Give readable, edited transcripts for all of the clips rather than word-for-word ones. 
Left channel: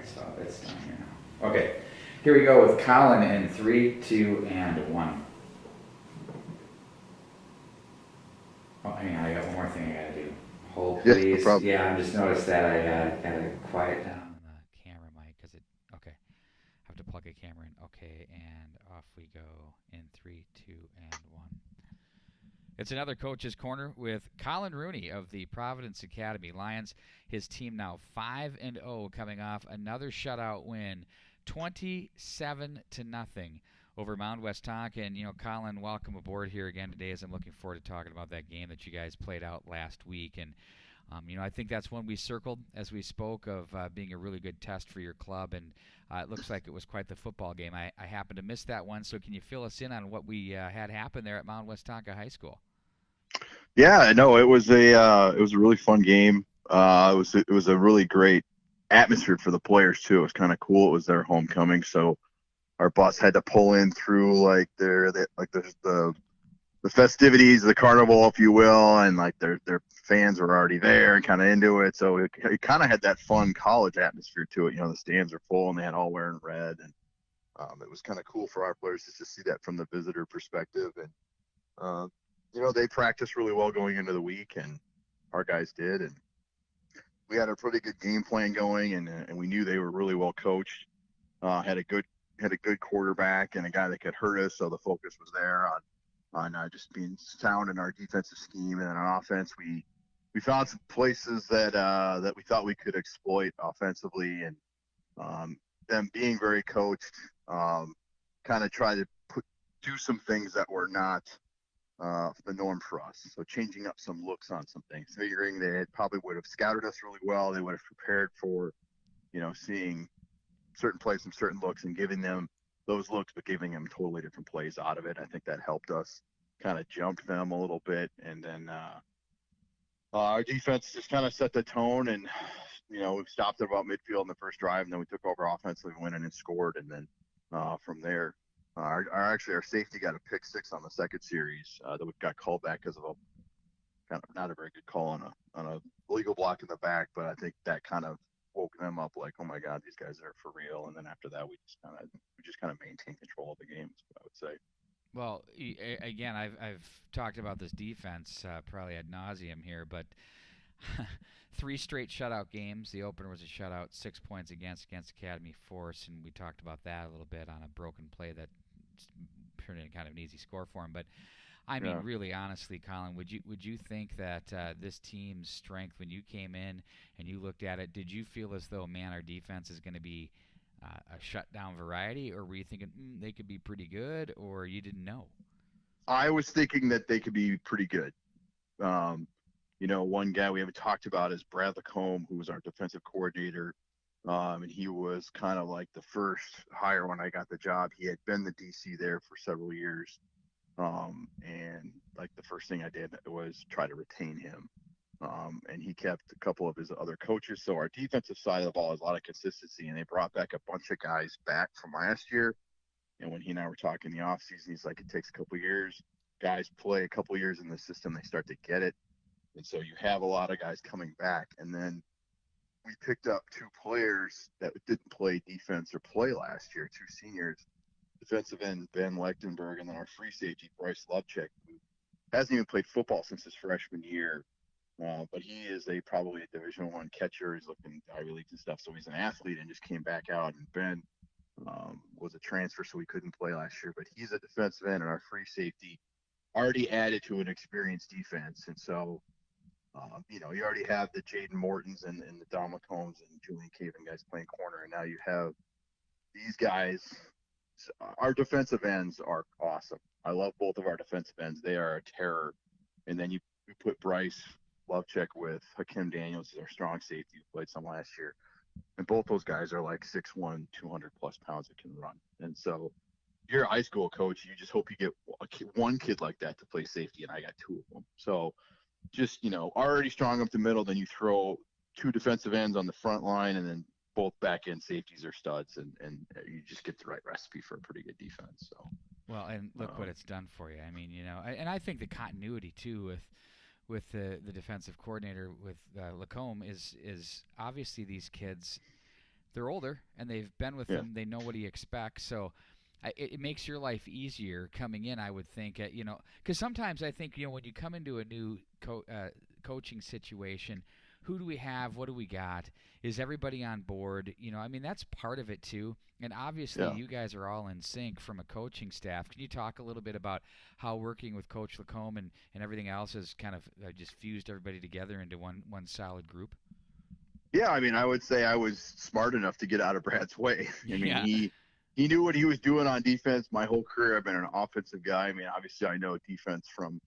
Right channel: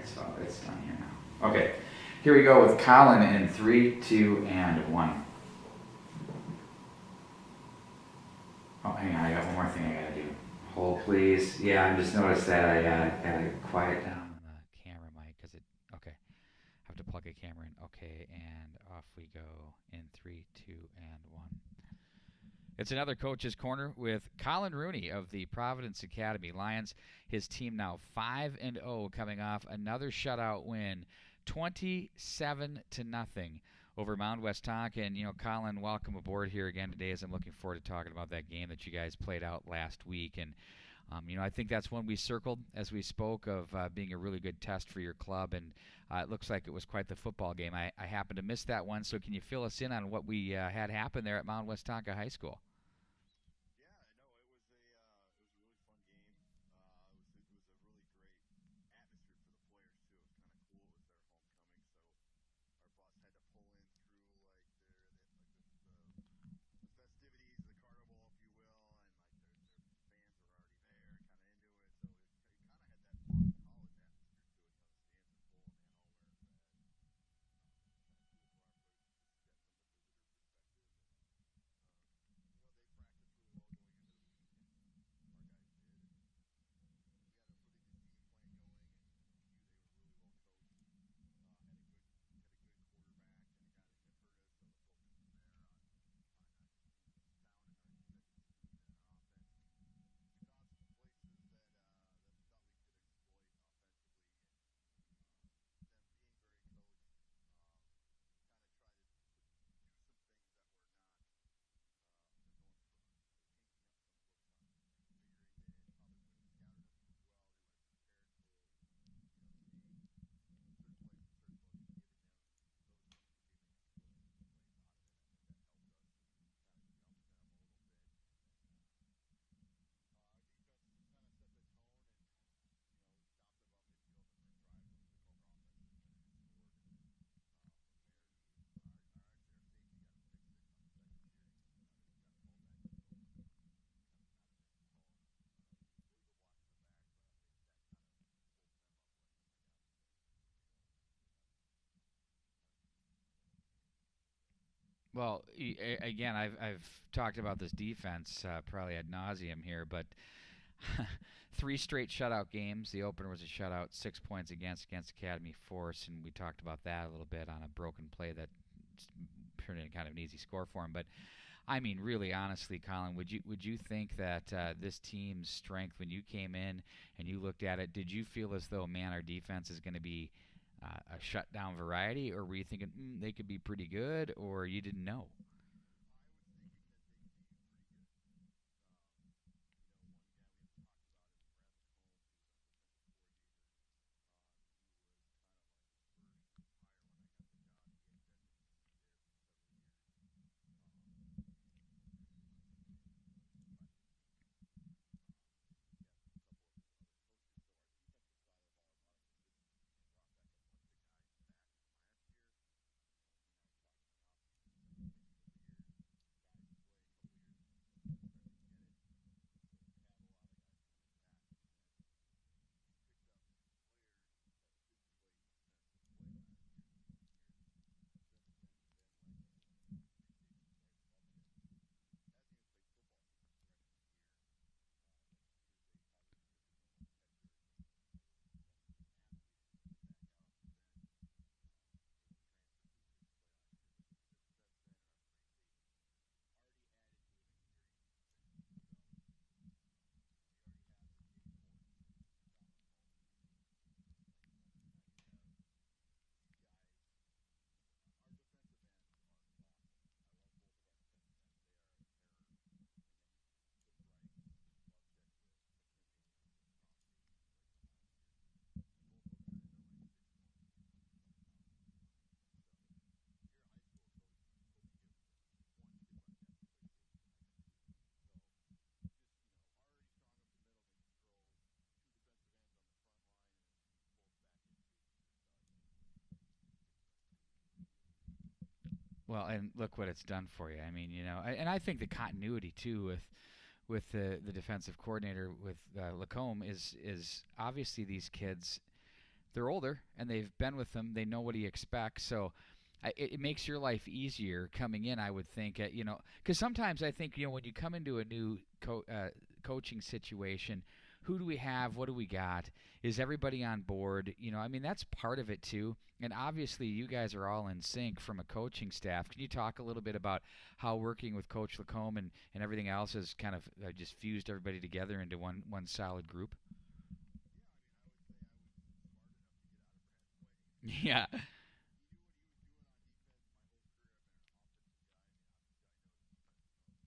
right, so it's done here now. Okay, here we go with Colin in 3, 2, and 1. Oh, hang on, I got one more thing I gotta do. Hold, Yeah, no please. problem. Yeah, I just noticed that I gotta quiet down on the camera mic because it. Okay, I have to plug a camera in. Okay, and off we go in 3, 2, and 1. It's another Coach's Corner with Colin Rooney of the Providence Academy Lions. His team now 5-0, coming off another shutout win, 27 to nothing over Mound Westonka. And Colin, welcome aboard here again today. As I'm looking forward to talking about that game that you guys played out last week. And I think that's one we circled as we spoke of being a really good test for your club, and it looks like it was quite the football game. I happened to miss that one, so can you fill us in on what we had happen there at Mound Westonka High School? Yeah, no, it was a really fun game. It was a really great atmosphere for the players too. It was kind of cool. It was their homecoming, so our bus had to pull in through like the festivities, the carnival, if you will, and like their fans were already there and kind of into it. So it kind of had that fun college atmosphere to it. The stands are full and they had all wearing red, and it was kind of cool for our players to just see that from the visitor perspective. And uh, they practiced really well going into the week, and our guys did, and we had a pretty good game plan going, and we knew they were really well coached. Had a good quarterback and a guy that could hurt us, so the focus was there on just being sound in our defensive scheme, and then on offense we found some places that we thought we could exploit offensively, and them being very coached, kind of try to do some things that were not the norm for us. So changing up some looks on some things, figuring they probably would have scouted us really well. They would have prepared for, seeing certain plays and certain looks and giving them those looks, but giving them totally different plays out of it. I think that helped us kind of jump them a little bit. And then our defense just kind of set the tone, and, we stopped at about midfield in the first drive, and then we took over offensively, went in and scored. And then from there, our safety got a pick six on the second series that we got called back because of a kind of not a very good call on a legal block in the back. But I think that kind of woke them up, like, oh my God, these guys are for real. And then after that, we just kind of maintained control of the game, is what I would say. Well, again, I've talked about this defense probably ad nauseum here, but 3 straight shutout games. The opener was a shutout, 6 points against Academy Force, and we talked about that a little bit on a broken play that turned into kind of an easy score for him. But I mean, Yeah. really, honestly, Colin, would you think that this team's strength, when you came in and you looked at it, did you feel as though, man, our defense is going to be a shutdown variety, or were you thinking they could be pretty good, or you didn't know? I was thinking that they could be pretty good. Um, one guy we haven't talked about is Brad Lacombe, who was our defensive coordinator. And he was kind of like the first hire when I got the job. He had been the DC there for several years. And like the first thing I did was try to retain him. And he kept a couple of his other coaches. So our defensive side of the ball has a lot of consistency, and they brought back a bunch of guys back from last year. And when he and I were talking in the offseason, he's like, it takes a couple of years. Guys play a couple of years in the system, they start to get it. And so you have a lot of guys coming back. And then we picked up 2 players that didn't play defense or play last year, 2 seniors, defensive end Ben Lechtenberg, and then our free safety Bryce Lovchek, who hasn't even played football since his freshman year. But he is probably a Division I catcher. He's looking at Ivy Leagues and stuff, so he's an athlete and just came back out. And Ben was a transfer, so he couldn't play last year. But he's a defensive end, and our free safety already added to an experienced defense. And so, you already have the Jaden Mortons and the Dom Combs and Julian Caven guys playing corner, and now you have these guys. Our defensive ends are awesome. I love both of our defensive ends. They are a terror. And then you put Bryce Lovecheck with Hakim Daniels as our strong safety, who played some last year. And both those guys are like 6'1", 200 plus pounds that can run. And so you're a high school coach. You just hope you get one kid like that to play safety, and I got 2 of them. So just, already strong up the middle. Then you throw 2 defensive ends on the front line, and then both back end safeties are studs, and you just get the right recipe for a pretty good defense. So, Well, and look what it's done for you. I mean, and I think the continuity too with the defensive coordinator with Lacombe is obviously these kids they're older and they've been with Yeah, him. They know what he expects. So it makes your life easier coming in, I would think. Because sometimes I think when you come into a new coaching situation, who do we have? What do we got? Is everybody on board? I mean that's part of it too. And obviously, yeah. you guys are all in sync from a coaching staff. Can you talk a little bit about how working with Coach Lacombe and everything else has kind of just fused everybody together into one solid group? Yeah, I mean, I would say I was smart enough to get out of Brad's way. I mean, Yeah. he knew what he was doing on defense. My whole career, I've been an offensive guy. I mean, obviously, I know defense from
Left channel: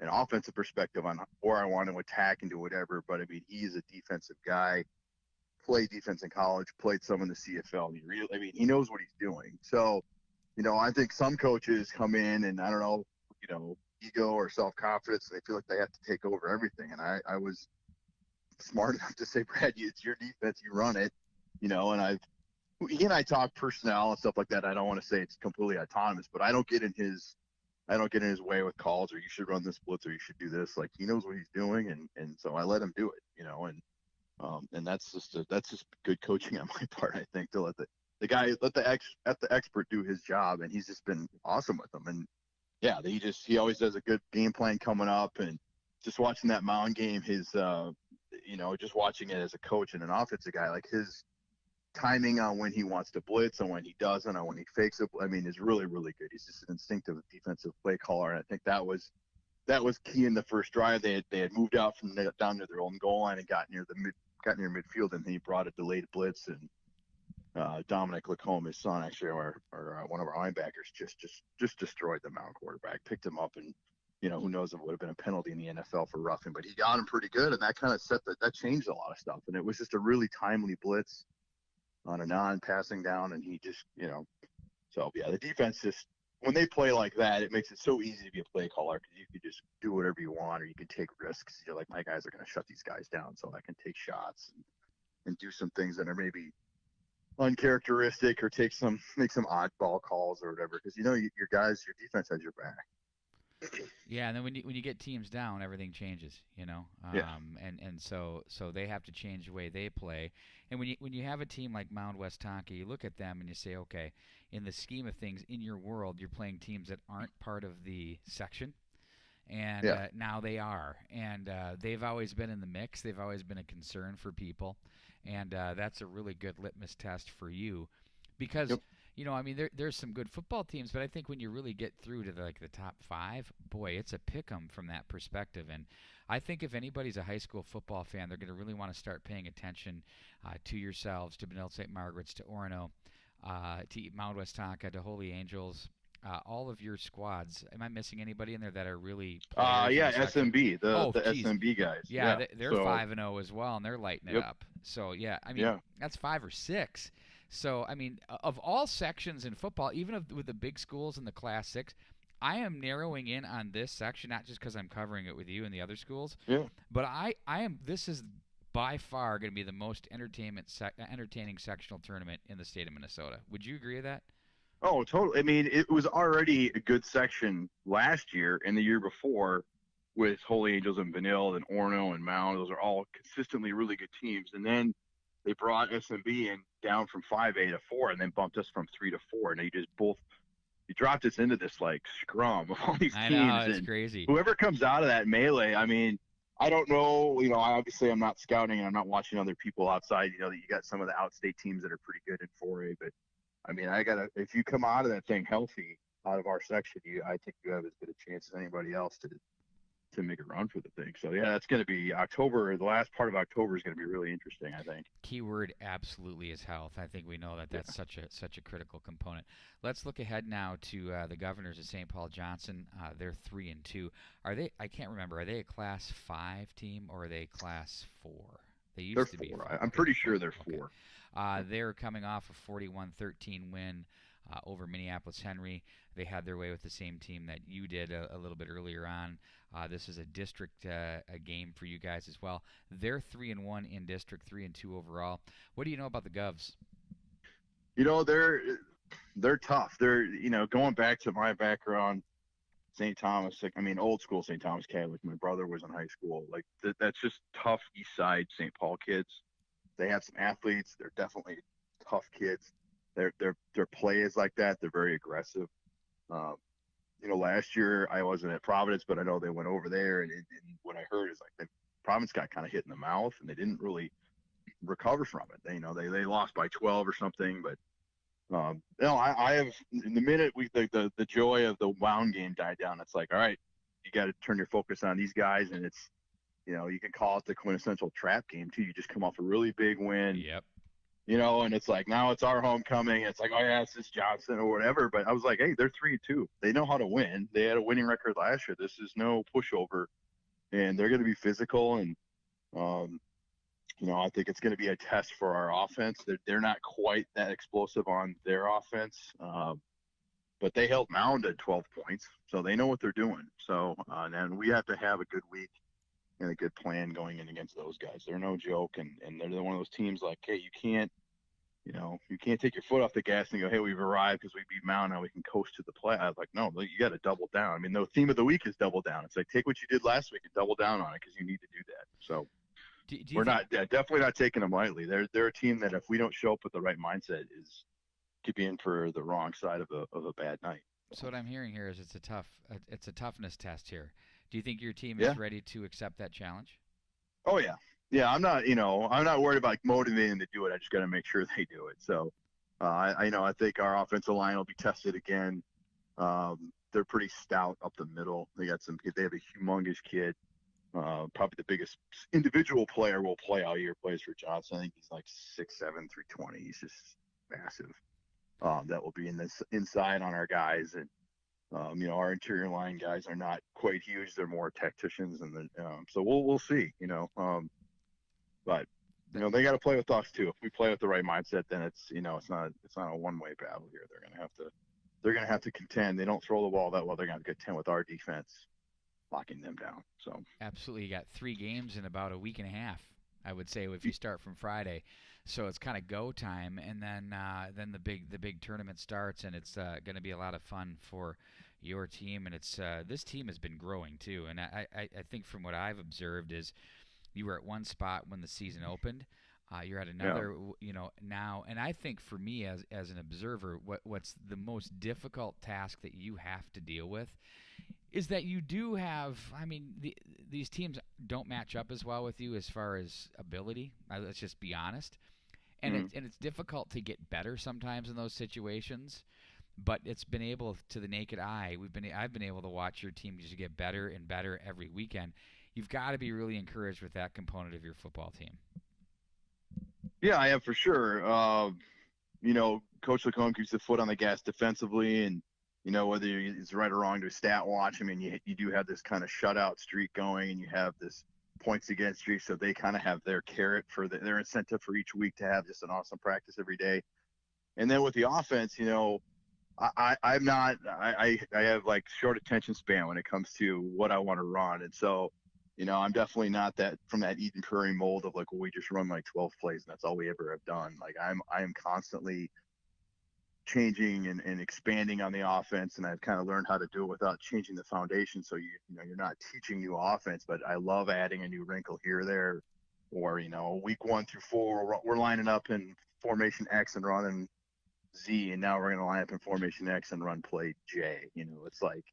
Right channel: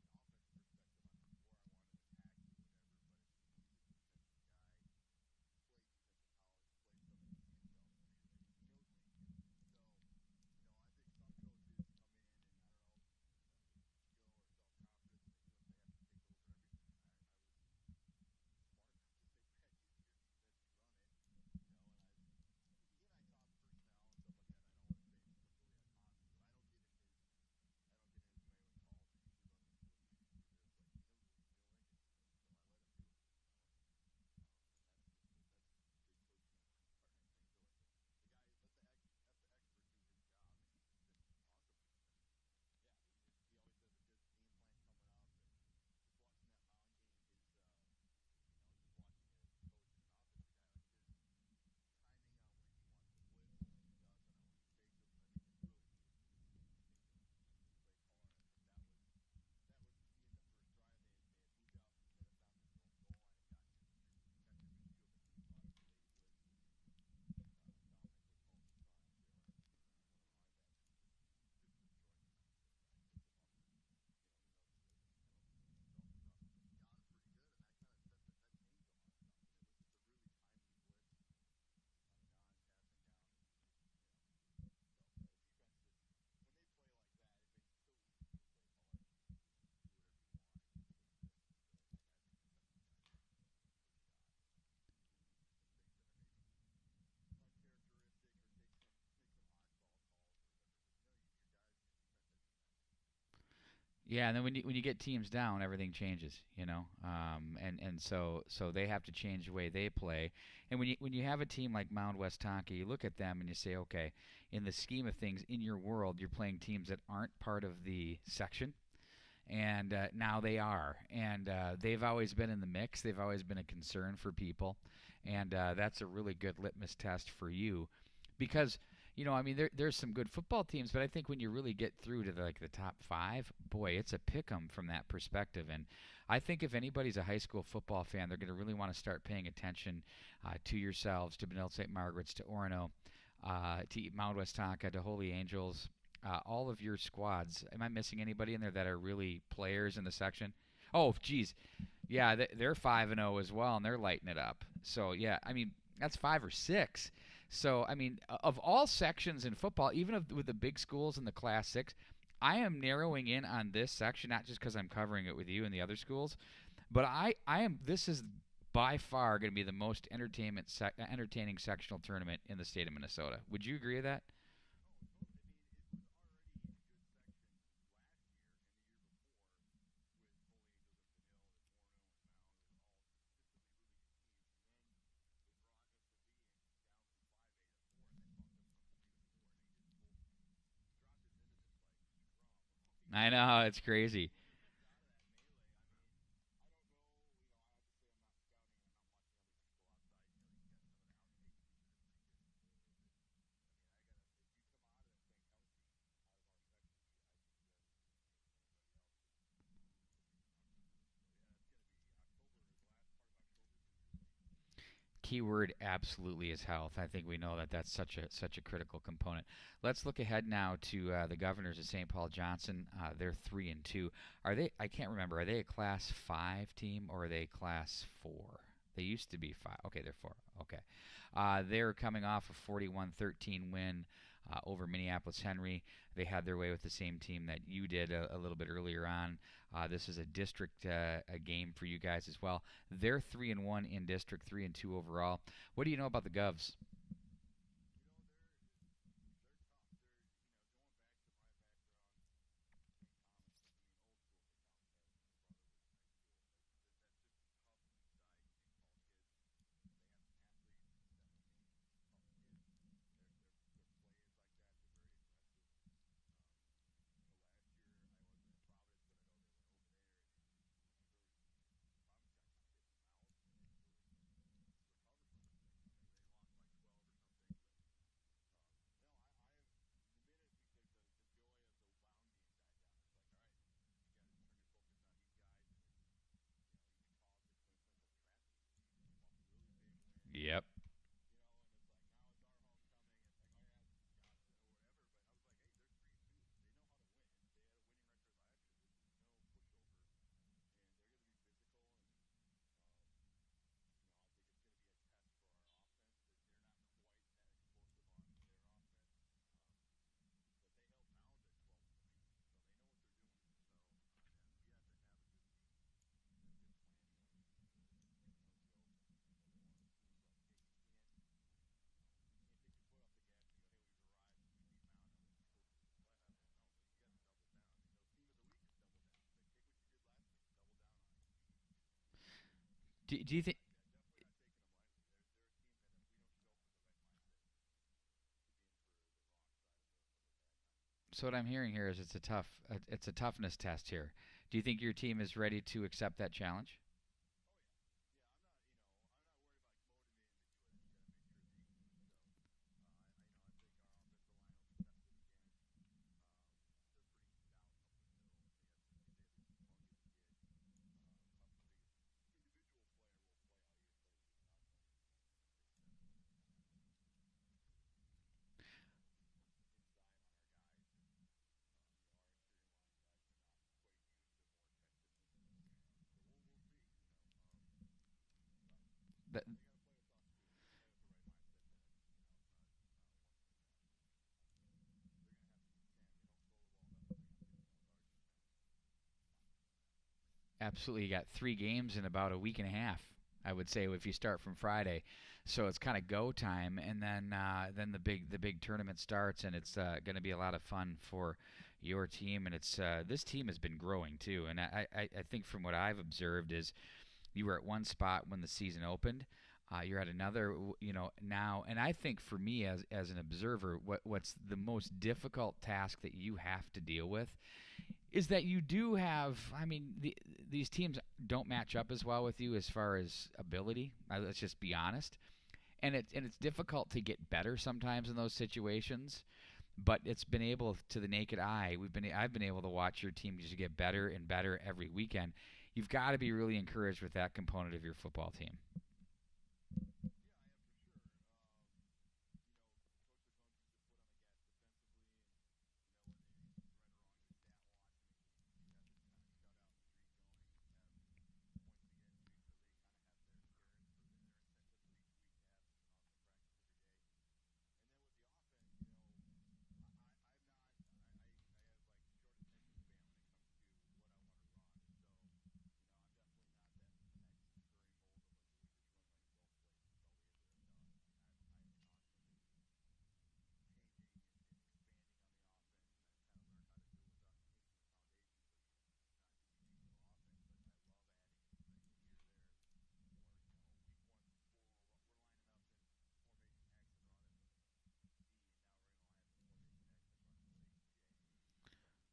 an offensive perspective on where I want to attack and do whatever. But I mean, he's a defensive guy. Played defense in college, played some in the CFL. I mean, he knows what he's doing. So, I think some coaches come in and I don't know, ego or self confidence. They feel like they have to take over everything. And I was smart enough to say, Brad, it's your defense, you run it, and he and I talk personnel and stuff like that. I don't want to say it's completely autonomous, but I don't get in his way with calls or you should run this blitz or you should do this. Like he knows what he's doing, and so I let him do it, and that's just good coaching on my part. I think to let the guy let the expert do his job, and he's just been awesome with them. And yeah, he always does a good game plan coming up, and just watching that Mound game, just watching it as a coach and an offensive guy, like his timing on when he wants to blitz and when he doesn't, or when he fakes it. I mean, is really, really good. He's just an instinctive defensive play caller, and I think that was key in the first drive. They had moved out from down to their own goal line and got near midfield, and he brought a delayed blitz, and Dominic Lacombe, his son, actually, or one of our linebackers, just destroyed the Mound quarterback, picked him up, and who knows if it would have been a penalty in the NFL for roughing, but he got him pretty good, and that kind of that changed a lot of stuff, and it was just a really timely blitz on a non-passing down, and he just, so yeah, the defense just when they play like that, it makes it so easy to be a play caller because you could just do whatever you want, or you can take risks. You're like, my guys are going to shut these guys down, so I can take shots and do some things that are maybe uncharacteristic or make some oddball calls or whatever because your guys, your defense has your back. Yeah, and then when you get teams down, everything changes. Yeah, And so they have to change the way they play. And when you have a team like Mound Westonka, you look at them and you say, okay, in the scheme of things, in your world, you're playing teams that aren't part of the section, and yeah, now they are, and they've always been in the mix. They've always been a concern for people, and that's a really good litmus test for you, because yep. I mean, there's some good football teams, but I think when you really get through to the top five, boy, it's a pick 'em from that perspective. And I think if anybody's a high school football fan, they're going to really want to start paying attention to yourselves, to Benilde St. Margaret's, to Orono, to Mount Westonka, to Holy Angels, all of your squads. Am I missing anybody in there that are really players in Yeah, the section? SMB, Oh, the geez. SMB guys. Yeah, Yeah. they're So, 5-0 as well, and they're lighting it yep. up. So yeah, I mean Yeah. that's 5 or 6. So I mean, of all sections in football, even with the big schools in the Class 6, I am narrowing in on this section not just because I'm covering it with you and the other schools, Yeah. but I am. This is by far going to be the most entertaining sectional tournament in the state of Minnesota. Would you agree with that? Oh, totally. I mean, it was already a good section last year and the year before with Holy Angels and Vanille and Orno and Mound. Those are all consistently really good teams. And then they brought SMB in down from 5A to 4 and then bumped us from 3 to 4. And you dropped us into this like scrum of all these I know teams. it's And crazy. whoever comes out of that melee, I mean, I don't know, obviously I'm not scouting and I'm not watching other people outside. That you got some of the outstate teams that are pretty good in 4A, but I mean, if you come out of that thing healthy out of our section, I think you have as good a chance as anybody else to make a run for the thing. So yeah, that's going to be October. The last part of October is going to be really interesting, I think. Keyword absolutely is health. I think we know that Yeah, that's such a critical component. Let's look ahead now to the Governors of St. Paul Johnson. They're 3-2. Are they? I can't remember. Are they a Class 5 team or are they Class 4? They they're used to be 4. 5. I'm Okay, they're pretty 4. sure they're Okay. 4. They're coming off a 41-13 win over Minneapolis Henry. They had their way with the same team that you did a little bit earlier on. This is a district a game for you guys as well. They're 3-1 in district, 3-2 overall. What do you know about the Govs? They're tough. They're going back to my background, St. Thomas. Like I mean, old school St. Thomas Catholic. My brother was in high school. Like that's just tough East Side St. Paul kids. They have some athletes. They're definitely tough kids. Their play is like that. They're very aggressive. Um, last year I wasn't at Providence, but I know they went over there, and what I heard is like Providence got kind of hit in the mouth, and they didn't really recover from it. They lost by 12 or something, but I have in the minute the joy of the Mound game died down. It's like, all right, you got to turn your focus on these guys, and it's you can call it the quintessential trap game too. You just come off a really big win, Yep. and it's like now it's our homecoming. It's like, oh yeah, it's this Johnson or whatever. But I was like, hey, they're 3-2. They know how to win. They had a winning record last year. This is no pushover, and they're going to be physical. And um, I think it's going to be a test for our offense. They're not quite that explosive on their offense, but they held Mound at 12 points, so they know what they're doing. So and then we have to have a good week and a good plan going in against those guys. They're no joke, and they're one of those teams like, hey, you can't take your foot off the gas and go, hey, we've arrived because we beat Mound, now we can coast to the play. I was like, no, you got to double down. I mean, the theme of the week is double down. It's like, take what you did last week and double down on it because you need to do that. So we're definitely not taking them lightly. They're a team that if we don't show up with the right mindset could be in for the wrong side of a bad night. So what I'm hearing here is it's a toughness test here. Do you think your team Yeah. is ready to accept that challenge? Oh yeah, yeah. I'm not worried about motivating them to do it. I just got to make sure they do it. So, I think our offensive line will be tested again. They're pretty stout up the middle. They have a humongous kid. Probably the biggest individual player we'll play all year. Plays for Johnson. I think he's like 6'7", 320. He's just massive. That will be inside on our guys, and our interior line guys are not quite huge. They're more tacticians, and so we'll see. But they got to play with us too. If we play with the right mindset, then it's not a one-way battle here. They're gonna have to contend. They don't throw the ball that well. They're gonna contend with our defense locking them down. So Absolutely. You got 3 games in about a week and a half, I would say, if you start from Friday. So it's kind of go time, and then the big tournament starts, and it's going to be a lot of fun for your team. And it's this team has been growing too. And I think from what I've observed is you were at one spot when the season opened. You're at another, now. And I think for me as an observer, what's the most difficult task that you have to deal with is that you do have. I mean, these teams don't match up as well with you as far as ability. Let's just be honest. And it's difficult to get better sometimes in those situations. But it's been able to the naked eye. I've been able to watch your team just get better and better every weekend. You've got to be really encouraged with that component of your football team. yeah, I am for sure. Coach Lacombe keeps the foot on the gas defensively, and whether it's right or wrong to a stat watch. I mean, you do have this kind of shutout streak going, and you have this points against streak, so they kind of have their carrot for their incentive for each week to have just an awesome practice every day. And then with the offense, I'm not. I have like short attention span when it comes to what I want to run, and so I'm definitely not from that Eden Prairie mold of like, well, we just run like 12 plays and that's all we ever have done. Like I am constantly changing and expanding on the offense, and I've kind of learned how to do it without changing the foundation. So you're not teaching new offense, but I love adding a new wrinkle here or there, or week 1 through 4 we're lining up in formation X and running Z, and now we're going to line up in formation X and run play J. It's like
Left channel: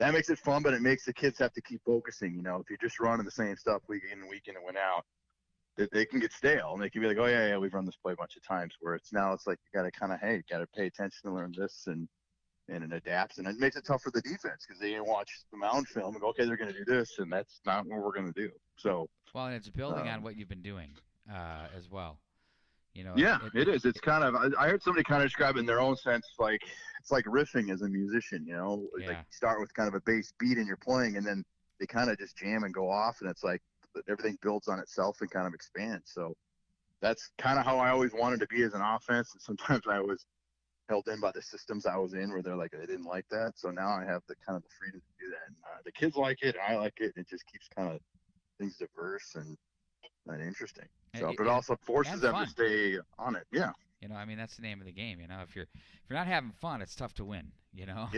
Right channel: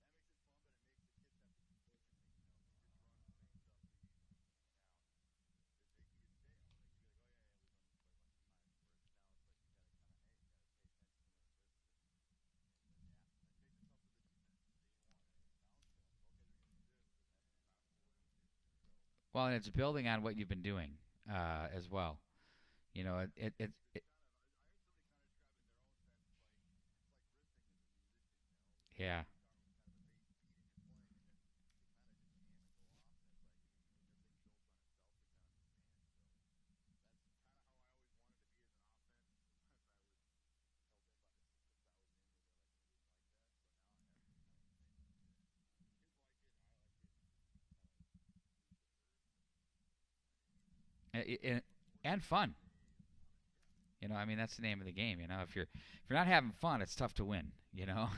that makes it fun, but it makes the kids have to keep focusing. If you're just running the same stuff week in and win out, they can get stale, and they can be like, oh yeah, we've run this play a bunch of times. Where it's like you got to kind of pay attention to learn this and it adapts, and it makes it tough for the defense because they watch the Mound film and go, okay, they're going to do this, and that's not what we're going to do. So And it's building on what you've been doing as well. Yeah, it is. It's kind of. I heard somebody kind of describe it in their own sense, like it's like riffing as a musician. Yeah. Like you start with kind of a bass beat and you're playing, and then they kind of just jam and go off, and it's like everything builds on itself and kind of expands. So that's kind of how I always wanted to be as an offense. And sometimes I was held in by the systems I was in, where they didn't like that. So now I have the kind of the freedom to do that. And, the kids like it, I like it, and it just keeps kind of things diverse and interesting. So, but also forces them to stay on it. Yeah. That's the name of the game. If you're not having fun, it's tough to win. Yeah.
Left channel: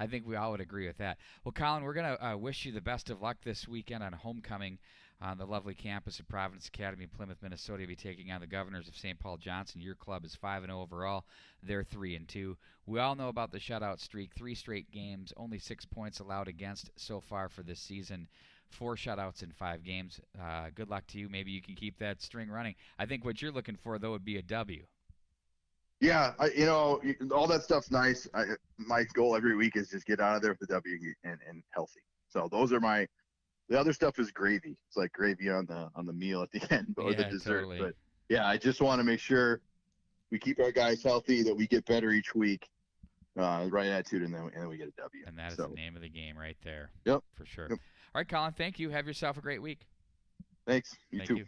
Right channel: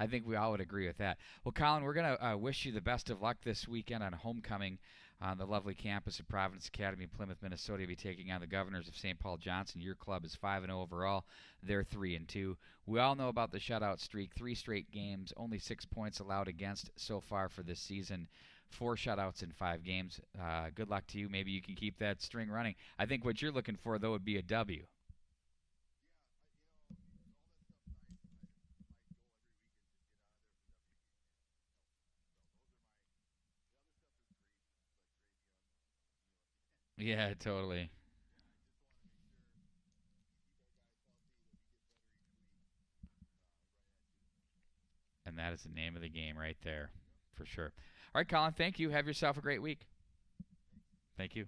I think we all would agree with that. Well, Colin, we're gonna wish you the best of luck this weekend on homecoming. On the lovely campus of Providence Academy, Plymouth, Minnesota, you'll be taking on the Governors of St. Paul Johnson. Your club is 5-0 overall. They're 3-2. We all know about the shutout streak. 3 straight games, only 6 points allowed against so far for this season. 4 shutouts in 5 games. Good luck to you. Maybe you can keep that string running. I think what you're looking for, though, would be a W. Yeah, all that stuff's nice. My goal every week is just get out of there with the W and healthy. So those are the other stuff is gravy. It's like gravy on the meal at the end or the dessert. Totally. But yeah, I just want to make sure we keep our guys healthy, that we get better each week, right attitude, and then we get a W. And that is the name of the game right there. Yep. For sure. Yep. All right, Colin, thank you. Have yourself a great week. Thanks. Thank you.